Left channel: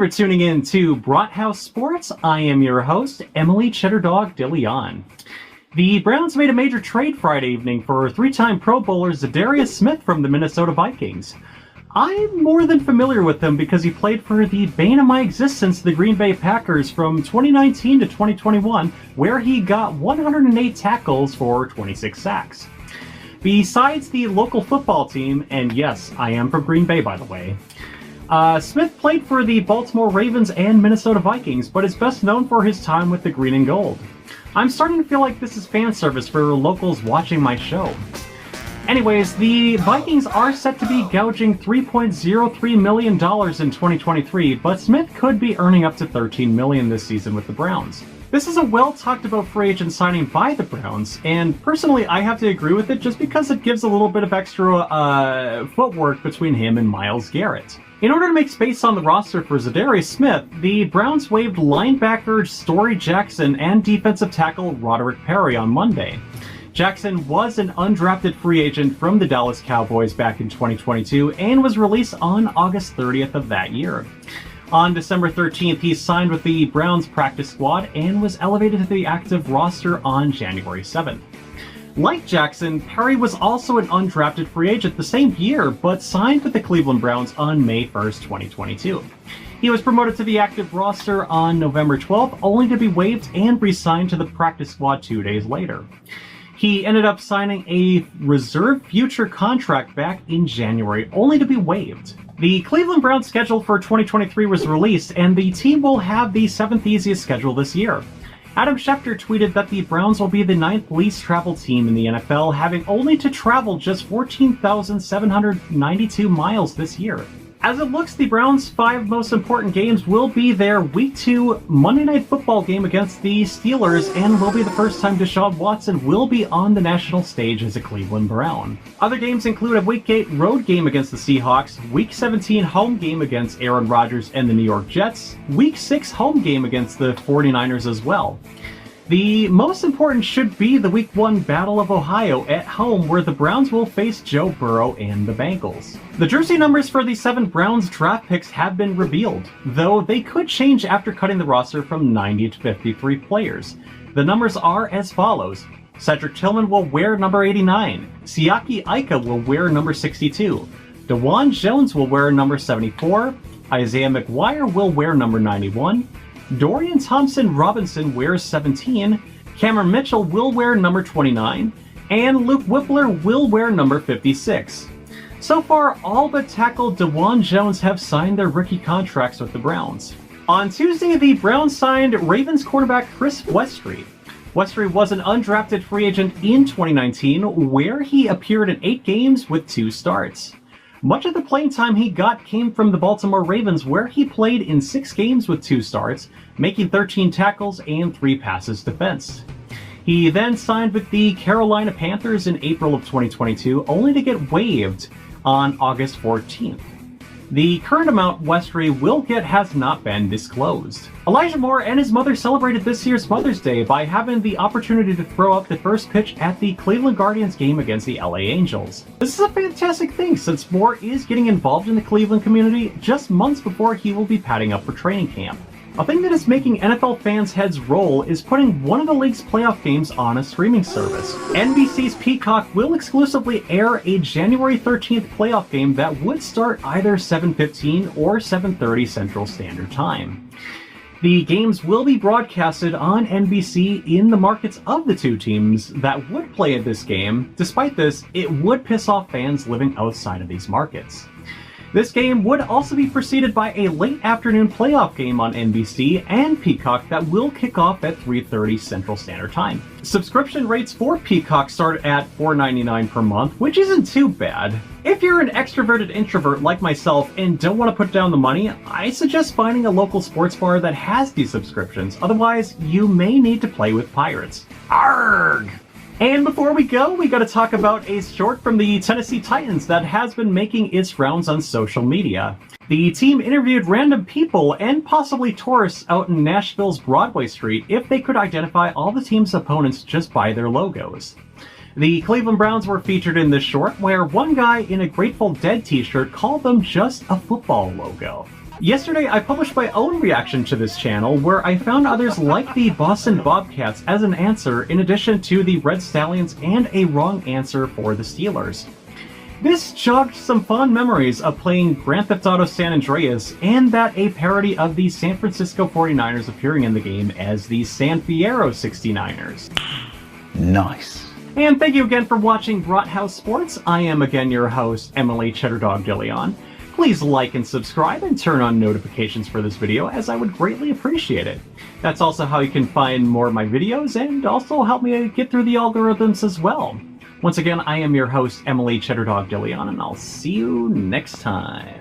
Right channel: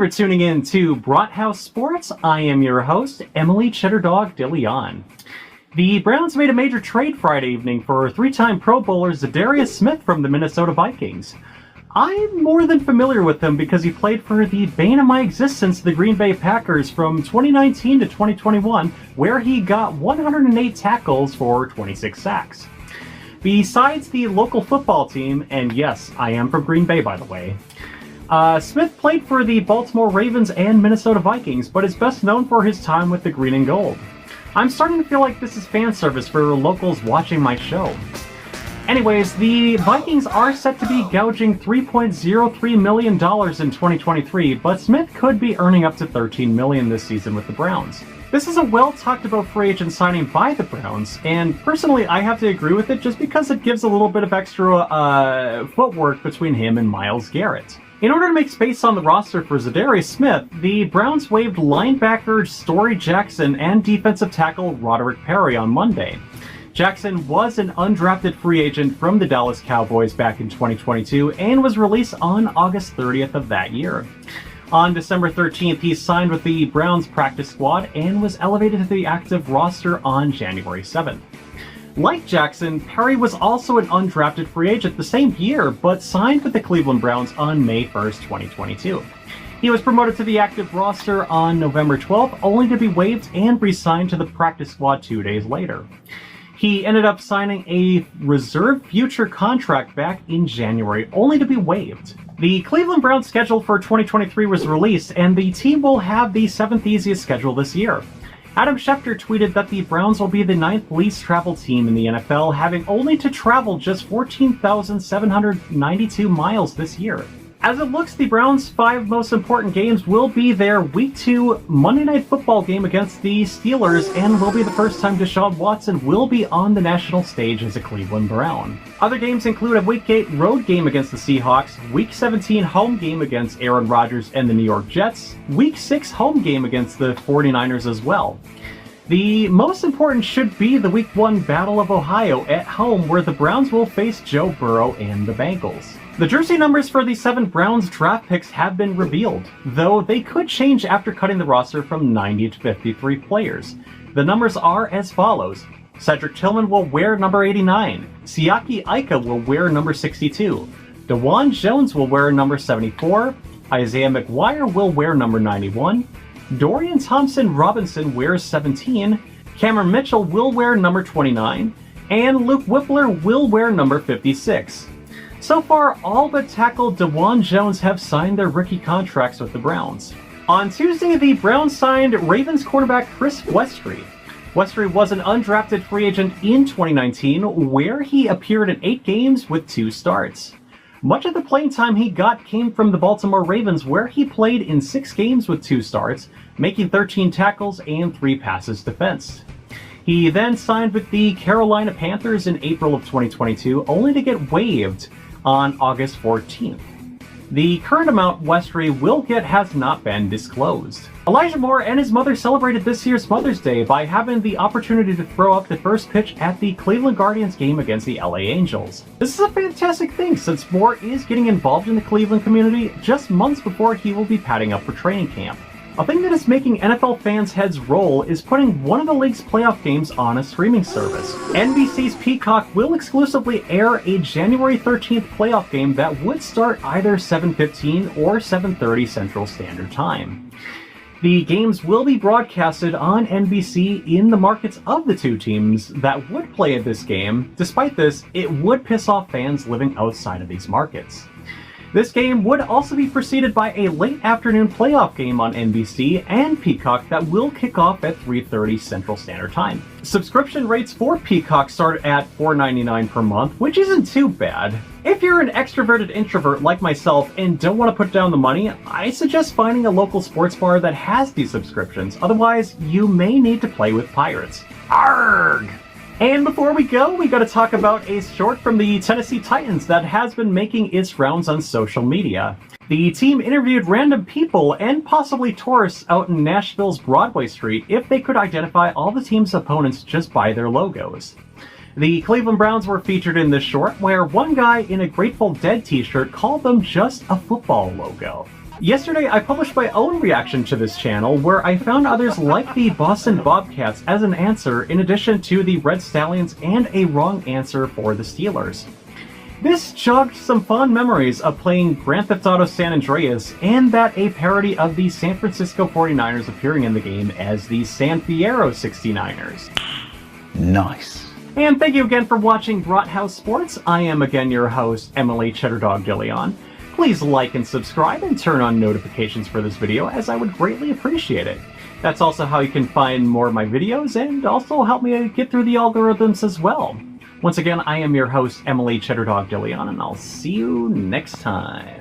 for tuning in to Brathouse Sports. I am your host, Emily Cheddardog DeLeon. The Browns made a major trade Friday evening for three-time Pro Bowler Za'Darius Smith from the Minnesota Vikings. I'm more than familiar with him because he played for the bane of my existence, the Green Bay Packers, from 2019 to 2021, where he got 108 tackles for 26 sacks. Besides the local football team, and yes, I am from Green Bay by the way, Smith played for the Baltimore Ravens and Minnesota Vikings, but is best known for his time with the Green and Gold. I'm starting to feel like this is fan service for locals watching my show. Anyways, the Vikings are set to be gouging $3.03 million in 2023, but Smith could be earning up to $13 million this season with the Browns. This is a well-talked-about free agent signing by the Browns, and personally I have to agree with it just because it gives a little bit of extra footwork between him and Myles Garrett. In order to make space on the roster for Za'Darius Smith, the Browns waived linebacker Story Jackson and defensive tackle Roderick Perry on Monday. Jackson was an undrafted free agent from the Dallas Cowboys back in 2022 and was released on August 30th of that year. On December 13th, he signed with the Browns practice squad and was elevated to the active roster on January 7th. Like Jackson, Perry was also an undrafted free agent the same year, but signed with the Cleveland Browns on May 1st, 2022. He was promoted to the active roster on November 12th, only to be waived and re-signed to the practice squad 2 days later. He ended up signing a reserve future contract back in January, only to be waived. The Cleveland Browns schedule for 2023 was released, and the team will have the 7th easiest schedule this year. Adam Schefter tweeted that the Browns will be the 9th least traveled team in the NFL, having only to travel just 14,792 miles this year. As it looks, the Browns' 5 most important games will be their Week 2 Monday Night Football game against the Steelers, and will be the first time Deshaun Watson will be on the national stage as a Cleveland Brown. Other games include a Week 8 road game against the Seahawks, Week 17 home game against Aaron Rodgers and the New York Jets, Week 6 home game against the 49ers as well. The most important should be the Week 1 Battle of Ohio at home, where the Browns will face Joe Burrow and the Bengals. The jersey numbers for the 7 Browns draft picks have been revealed, though they could change after cutting the roster from 90 to 53 players. The numbers are as follows. Cedric Tillman will wear number 89, Siaki Ika will wear number 62, DeJuan Jones will wear number 74, Isaiah McGuire will wear number 91, Dorian Thompson-Robinson wears 17, Cameron Mitchell will wear number 29, and Luke Whippler will wear number 56. So far, all but tackle DeJuan Jones have signed their rookie contracts with the Browns. On Tuesday, the Browns signed Ravens cornerback Chris Westry. Westry was an undrafted free agent in 2019, where he appeared in 8 games with 2 starts. Much of the playing time he got came from the Baltimore Ravens, where he played in 6 games with 2 starts, making 13 tackles and 3 passes defensed. He then signed with the Carolina Panthers in April of 2022, only to get waived on August 14th. The current amount Westry will get has not been disclosed. Elijah Moore and his mother celebrated this year's Mother's Day by having the opportunity to throw up the first pitch at the Cleveland Guardians game against the LA Angels. This is a fantastic thing, since Moore is getting involved in the Cleveland community just months before he will be padding up for training camp. A thing that is making NFL fans' heads roll is putting one of the league's playoff games on a streaming service. NBC's Peacock will exclusively air a January 13th playoff game that would start either 7:15 or 7:30 Central Standard Time. The games will be broadcasted on NBC in the markets of the 2 teams that would play at this game. Despite this, it would piss off fans living outside of these markets. This game would also be preceded by a late afternoon playoff game on NBC and Peacock that will kick off at 3:30 Central Standard Time. Subscription rates for Peacock start at $4.99 per month, which isn't too bad. If you're an extroverted introvert like myself and don't want to put down the money, I suggest finding a local sports bar that has these subscriptions. Otherwise, you may need to play with pirates. Arrgh! And before we go, we gotta talk about a short from the Tennessee Titans that has been making its rounds on social media. The team interviewed random people and possibly tourists out in Nashville's Broadway Street if they could identify all the team's opponents just by their logos. The Cleveland Browns were featured in this short, where one guy in a Grateful Dead t-shirt called them just a football logo. Yesterday, I published my own reaction to this channel, where I found others like the Boston Bobcats as an answer in addition to the Red Stallions and a wrong answer for the Steelers. This jogged some fond memories of playing Grand Theft Auto San Andreas, and that a parody of the San Francisco 49ers appearing in the game as the San Fierro 69ers. Nice. And thank you again for watching Brathouse Sports. I am again your host, Emily Cheddardog DeLeon. Please like and subscribe and turn on notifications for this video, as I would greatly appreciate it. That's also how you can find more of my videos and also help me get through the algorithms as well. Once again, I am your host, Emily Cheddardog DeLeon, and I'll see you next time.